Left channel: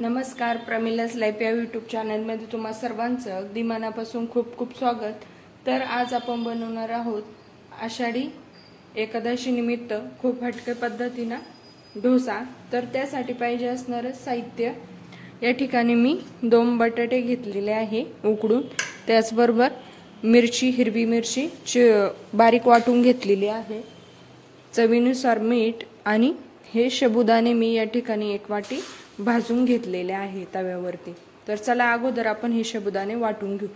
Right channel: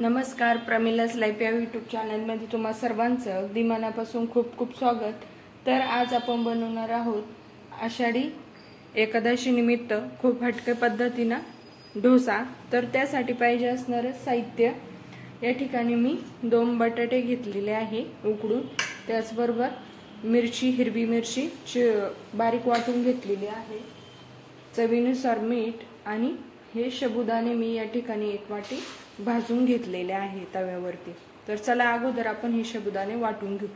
नमस्कार, प्रमिला's लाईफ या यूट्यूब चॅनलमध्ये तुम्हा सर्वांचं अगदी मनापासून खूप खूप स्वागत। तर आज आपण बनवणार आहोत आषाढी एकादशी निमित्त खूप हटके पद्धतीने डोसा। तर त्यासाठी पाहिजे असणारे साहित्य या ठिकाणी मी 2 बटाटे घेतलेले आहे उकडून, त्याचबरोबर मिरची, हिरवी मिरची बारीक वाटून घेतलेली आहे, चवीनुसार मीठ आणि हे साबुदाणे मी या ठिकाणी 1 वाटी भाजून घेतलेले आहे तव्यावरती। तर चला अगोदर आपण हे साबुदाणे वाटून घेऊ।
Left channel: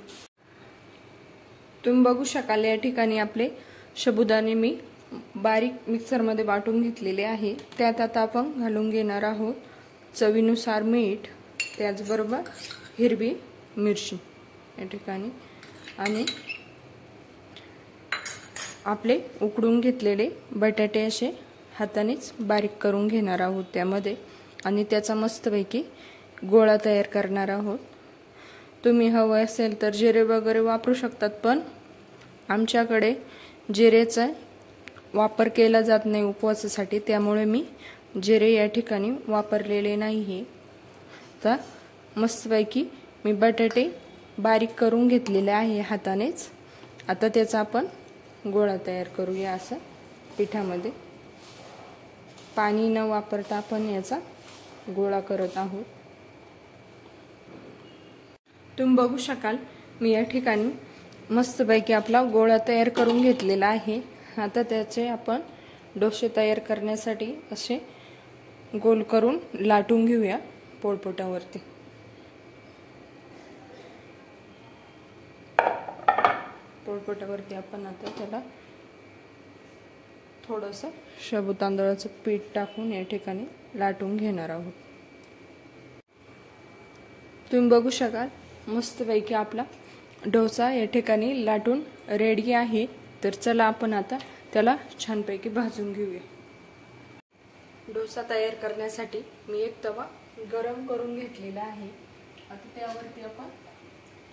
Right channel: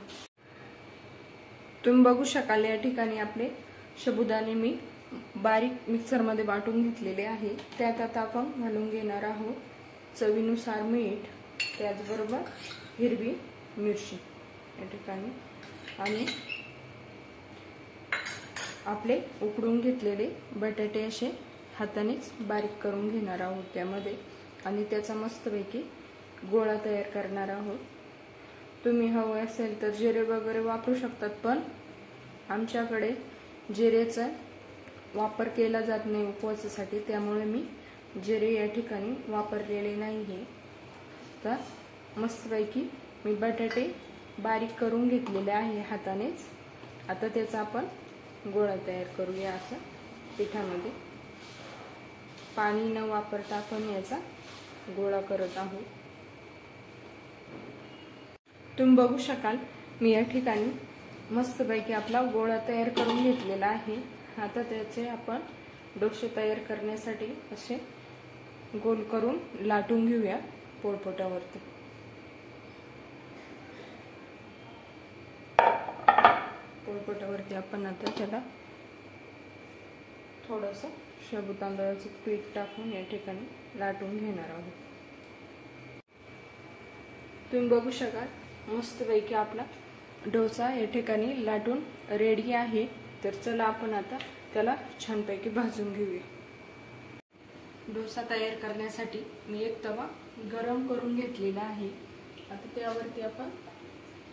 तुम्ही बघू शकाल या ठिकाणी आपले साबुदाणे मी बारीक मिक्सर मध्ये वाटून घेतलेले आहे। त्यात आता आपण घालून घेणार आहोत चवीनुसार मीठ, त्याचबरोबर हिरवी मिरची या ठिकाणी, आणि आपले उकडून घेतलेले बटाटे असे हातानेच बारीक करून घेणार आहोत त्यामध्ये, आणि त्याचा मस्तपैकी गोळा तयार करणार आहोत। तुम्ही हवे असेल तर जिरे वगैरे वापरू शकतात, पण आमच्याकडे जिरेचा वापर केला जात नाही उपवासासाठी, त्यामुळे मी जिरे या ठिकाणी वापरलेले नाही। तर मस्तपैकी मी बटाटे बारीक करून घेतलेले आहे हातानेच। आता त्याचा आपण गोळा तयार करूया। असं पिठामध्ये पाणी न वापरता आपण याचा गोळा करत आहोत। तुम्ही बघू शकाल मी या ठिकाणी मस्तपैकी आपला गोळा तयार करून घेतलेला आहे। आता त्याचे आपण डोसे तयार करण्यासाठी असे गोल करून लाटून घेऊया पोळपाटावरती। पोळपाटावरती आपण आता त्याला थोडंसं शाबू तांदळाचं पीठ टाकून या ठिकाणी लाटून घेणार आहोत। तुम्ही बघू शकाल मस्तपैकी आपला डोसा या ठिकाणी लाटून रेडी आहे। तर चला आपण आता त्याला छानपैकी भाजून घेऊया। डोसा तयार करण्यासाठी मी एक तवा गरम करून घेतलेला आहे। आता त्यावरती आपण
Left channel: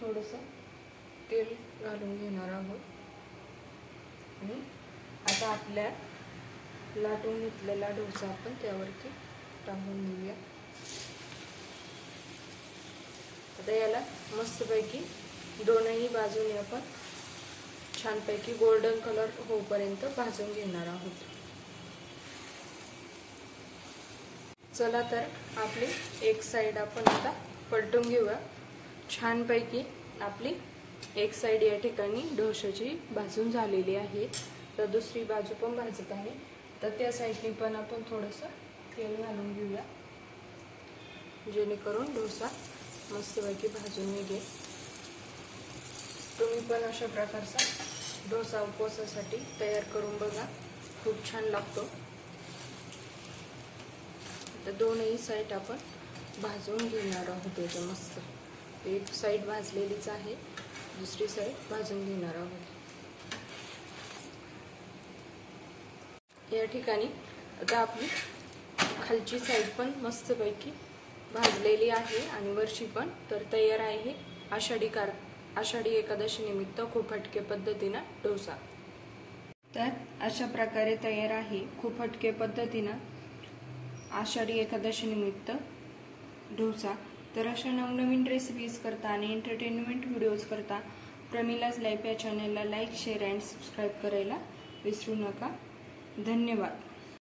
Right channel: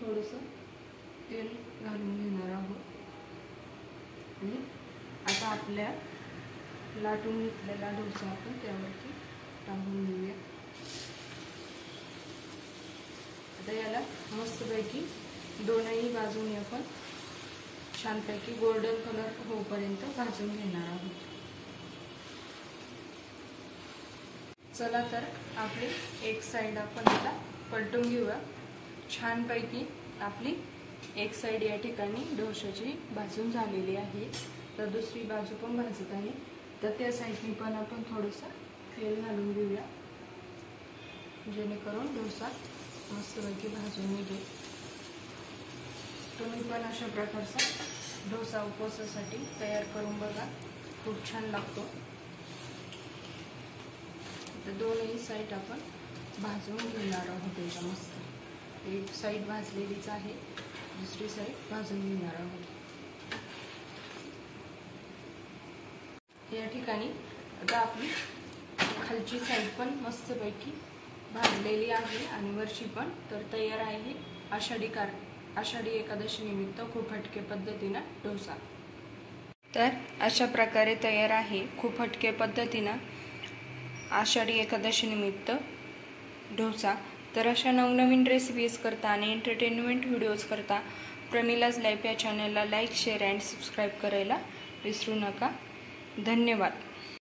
थोडंसं तेल घालून घेणार आहोत, आणि आता आपल्या लाटून घेतलेला डोसा आपण त्यावरती टाकून घेऊया। आता याला मस्तपैकी दोनही बाजूने आपण छानपैकी गोल्डन कलर होईपर्यंत भाजून घेणार आहोत। चला तर आपली एक साइड आपण आता पलटून घेऊया। छानपैकी आपली एक साइड या ठिकाणी डोशाची भाजून झालेली आहे, तर दुसरी बाजू पण भाजत आहे। तर त्या साइडने पण आपण थोडंसं तेल घालून घेऊया, जेणेकरून डोसा मस्तपैकी भाजून निघेल। तुम्ही पण अशा प्रकारचा डोसा उपवासासाठी तयार करून बघा, खूप छान लागतो। तर दोनही साइड आपण भाजून घेणार आहोत। त्याच्या मस्त एक साइड भाजलेलीच आहे, दुसरी साइड भाजून घेणार आहोत। या ठिकाणी आता आपली खालची साइड पण मस्तपैकी भाजलेली आहे आणि वरची पण तर तयार आहे आषाढी एकादशी निमित्त खूप हटके पद्धतीने डोसा। तर अशा प्रकारे तयार आहे खूप हटके पद्धतीने आषाढी एकादशी निमित्त डोसा। तर अशा नवनवीन रेसिपीज करता आणि एंटरटेनमेंट व्हिडिओज करता प्रमिला's लाईफ या चॅनलला लाईक, शेअर आणि सबस्क्राइब करायला विसरू नका। धन्यवाद।